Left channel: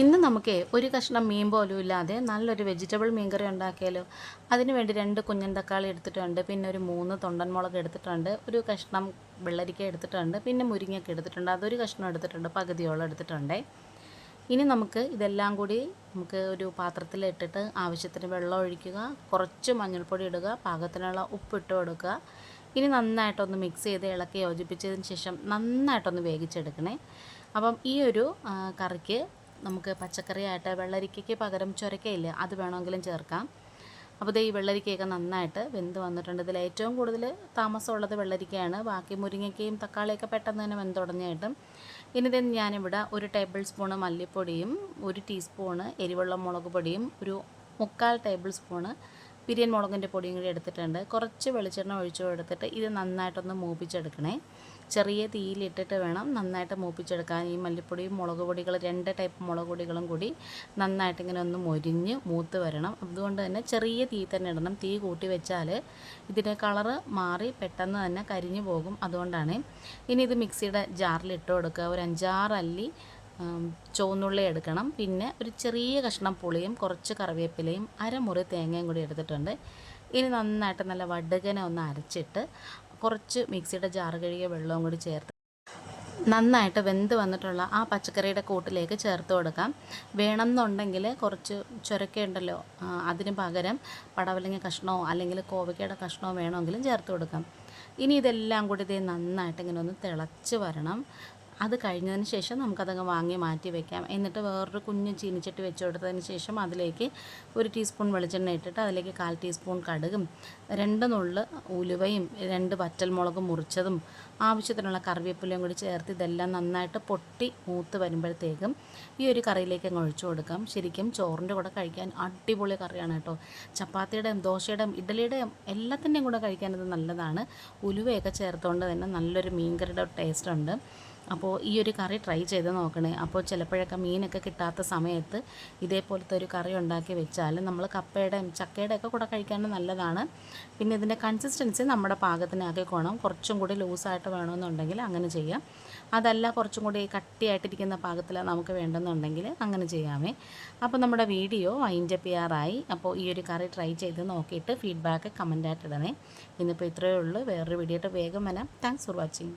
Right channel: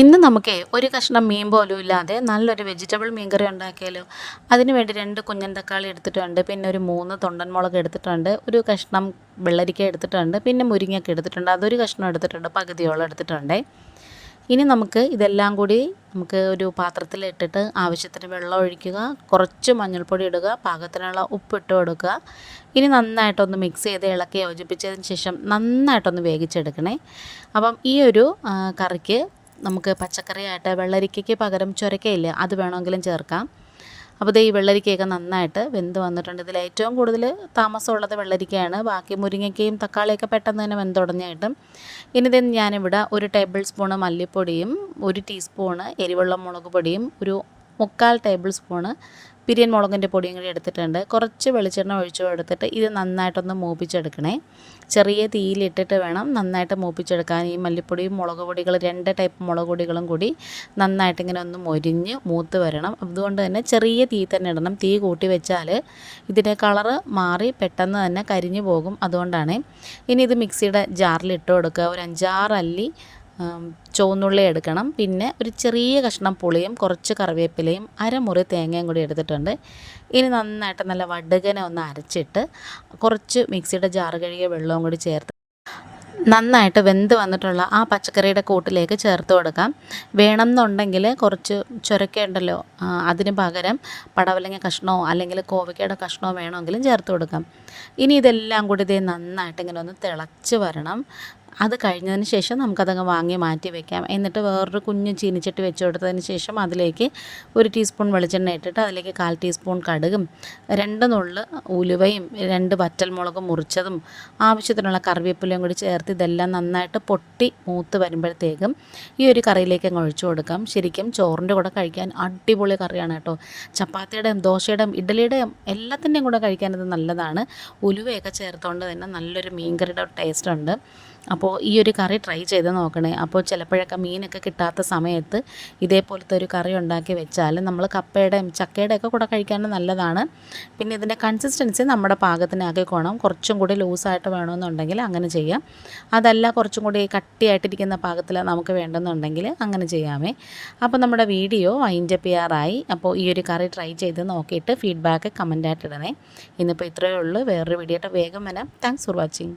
ഇന്ന് നമുക്കേ ഒരു കഷ്ണം മീൻ പോലും ഇല്ലാതെ നല്ലൊരു വെജിറ്റബിൾ മീൻ കറി ഉണ്ടാക്കിയാലോ. അതിന് വേണ്ടി 2 കുഞ്ഞൻ തക്കാളി എടുത്തിട്ടുണ്ട്, പിന്നെ ഒരു 3 തൊണ്ടൻ മുളക് എടുത്തിട്ടുണ്ട്, ഒരു കഷ്ണം വെള്ളരിക്ക എടുത്തിട്ടുണ്ട്, പിന്നെ മുരിങ്ങയൊക്കെ എടുത്തിട്ടുണ്ട്, അതൊരു കഷ്ണം എടുത്തിട്ടുണ്ട്, പകുതിയോളം എടുത്തിട്ടുണ്ട്. ഇനി നമുക്ക് ഇതെല്ലാം കൂടി ഒരു പാത്രത്തിൽ ഇട്ടിട്ട് ആവശ്യത്തിന് വെള്ളം ഒഴിക്കുക, കുറച്ച് മഞ്ഞൾപ്പൊടി ഇടുക, പാകത്തിനുള്ള ഉപ്പിട്ട് കൊടുക്കുക. ഇനി നന്നായിട്ടൊന്ന് മിക്സ് ചെയ്ത് ഇളക്കി യോജിപ്പിച്ചതിന് ശേഷം നന്നായിട്ടൊന്ന് വേവിച്ചെടുക്കണേ. അപ്പം ഈ ഒരു കറിക്ക് നമുക്ക് പച്ചക്കറിയായിട്ട് വെള്ളരിക്കയ്ക്ക് പകരം ചുരക്കയില്ല, അത് വേണമെങ്കിലും ചേർക്കാം. അപ്പോൾ ഈ വെള്ളരിക്കയൊക്കെ നന്നായിട്ട് വെന്ത് വന്നിട്ടുണ്ട്. ഇതിൽ ഏറ്റവും കൂടുതൽ താമസമുള്ളത് വെള്ളരിക്കയാണ്. ബാക്കി മുരിങ്ങയ്ക്കയും തക്കാളിയൊക്കെ പെട്ടെന്ന് തന്നെ വെന്തുടഞ്ഞായിട്ടും. ഇനി ഞാനിവിടെ 1 ടേബിൾ സ്പൂണ് മല്ലിപ്പൊടിയും 1 ടീസ്പൂണ് എരിവുള്ള മുളക് പൊടിയും 1/4 ടേബിൾ സ്പൂണ് പിരിയൻ മുളകിൻ്റെ പൊടിയും കൂടി എടുത്തിട്ടുണ്ട്. കുറച്ച് വെളിച്ചെണ്ണ ഒഴിച്ചു കൊടുത്തിട്ട് ഇത് നന്നായിട്ടൊന്ന് മൂപ്പിച്ചെടുക്കണേ. ചെറിയ തീയിലിട്ടിട്ട് വേണം നന്നായിട്ട് മൂപ്പിച്ചെടുക്കാൻ. ഈ മല്ലിപ്പൊടിയും മുളക് പൊടികൾ 2 ടൈപ്പ് മുളക് പൊടികളും കൂടി നന്നായിട്ട് ഇങ്ങനെ ഒന്ന് മൊരിഞ്ഞ് മൂത്ത് വരണം. അതുകൊണ്ട് തന്നെ ചെറിയ തീ തന്നെ ഇടണം. തീ കൂട്ടി വെച്ചാൽ ഇതിൻ്റെ കളറ് മാറി പെട്ടെന്ന് തന്നെ കരിഞ്ഞു പോകും. അതുകൊണ്ടാണ്. ഇനി ഇത് മിക്സിയുടെ ജാറിൽ ഇട്ട് കൊടുക്കുക. ഒരു 5-6 അല്ലി ചുവന്നുള്ളി എടുക്കണം, പിന്നെ ഒരു ചെറിയ കഷ്ണം പുളിയും കുറച്ച് കറിവേപ്പിലയും അരമുറി തേങ്ങയും കൂടി എടുത്തിട്ടുണ്ട്. ഇനി നന്നായിട്ട് നല്ല വടുകനെ ഒന്ന് അരച്ചിട്ട് കുറച്ച് മിക്സിയുടെ ജാറ് കഴുകിയ വെള്ളവും കൂടി ചേർത്ത് നന്നായിട്ട് വെന്ത് വന്നിട്ടുള്ള ആ പച്ചക്കറിയുടെ കൂട്ടിലേക്ക് ചേർത്ത് കൊടുക്കാം. വേണമെന്നുണ്ടെങ്കിൽ കുറച്ച് ചുരക്ക ഉണ്ടല്ലോ, അതിന് പകരം പടവലങ്ങ കഷ്ണമോ അല്ലെങ്കിൽ കോവയ്ക്കയുടെ കഷ്ണമോ വേണമെങ്കിലും ചേർത്ത് കൊടുക്കാം. ഇനി ഇതെല്ലാം കൂടി നന്നായിട്ട് ഇങ്ങനെ ഒന്ന് തിളച്ച് വരണം. അത് കഴിഞ്ഞതിന് ശേഷം നമുക്കതങ്ങ് വാങ്ങി മാറ്റി വയ്ക്കാം. എന്നിട്ട് വേറൊരു കുഞ്ഞ് ചീനിച്ചട്ടി വെച്ച് കൊടുത്തതിന് ശേഷം അതിലേക്ക് 1 ടീസ്പൂൺ വെളിച്ചെണ്ണ ഇട്ടിട്ട് അതിലേക്ക് 1/4 ടീസ്പൂൺ കടുകും 2 നുള്ള് ഉലുവയും 2 വറ്റൽമുളകും മുറിച്ചതും ആവശ്യത്തിനുള്ള കറിവേപ്പിലയും കൂടി ചേർത്ത് ഇതെല്ലാം നന്നായിട്ട് പൊട്ടി മൂത്ത് വരുമ്പോഴത്തേക്കും ഈ ഒരു കറിയിലേക്ക് അങ്ങ് ഒഴിച്ചു കൊടുക്കാം. ശരിക്കും ചോറിൻ്റെ കൂടെ കഴിക്കാൻ അടിപൊളി കറിയാണ് കേട്ടോ. ചപ്പാത്തിയുടെയും ദോശയുടെയും ഇഡ്ഡലിയുടെയും എല്ലാത്തിൻ്റെയും കൂടെ കഴിക്കാനത് നല്ലതാണ്. ഉലുവയൊക്കെ ചേർത്തുകൊണ്ട് തന്നെ നല്ലൊരു മീൻകറിയുടെ ടേസ്റ്റ് ഉണ്ട്. അപ്പോൾ ഈ ഒരു കറി ട്രൈ ചെയ്ത് നോക്കണേ. അപ്പോൾ ചിലപ്പോഴൊക്കെ മീനൊക്കെ കിട്ടാത്ത സമയത്ത് ഇതേപോലത്തെ ഒരു കറി ഉണ്ടാക്കി വെച്ചാൽ നമ്മൾ കപ്പയുടെയും ചക്കയുടെയൊക്കെ കൂടെ കഴിക്കാൻ നല്ലതാണ്. പിന്നെ ഇതിൻ്റെ കൺസിസ്റ്റൻസി നമ്മുടെ പാകത്തിനാക്കിക്കോണം. കുറച്ചും കൂടി ലൂസായിട്ട് വേണമെന്നുണ്ടെങ്കിൽ അങ്ങനെ ചെയ്യാം. അതല്ല കുറച്ചും കൂടി കട്ടിയായിട്ടിരിക്കുന്ന പാകത്തിൽ നമുക്ക് വേണ്ടെന്നുണ്ടെങ്കിൽ അങ്ങനെ ചെയ്യാമേ. അപ്പോൾ നമ്മുടെ വീഡിയോ വൈൻഡപ്പ് ചെയ്യാറായി. അപ്പോൾ ഈ ഒരു കറി ട്രൈ ചെയ്ത് നോക്കിയിട്ട് ഫീഡ്ബാക്ക് കമൻറ്റായിട്ട് ഇടണേ. ഇന്നിപ്പോൾ ഇത്രയേ ഉള്ളൂ. വേറൊരു വീഡിയോ ആയിട്ട് വേഗം വരാം. Thanks for watching.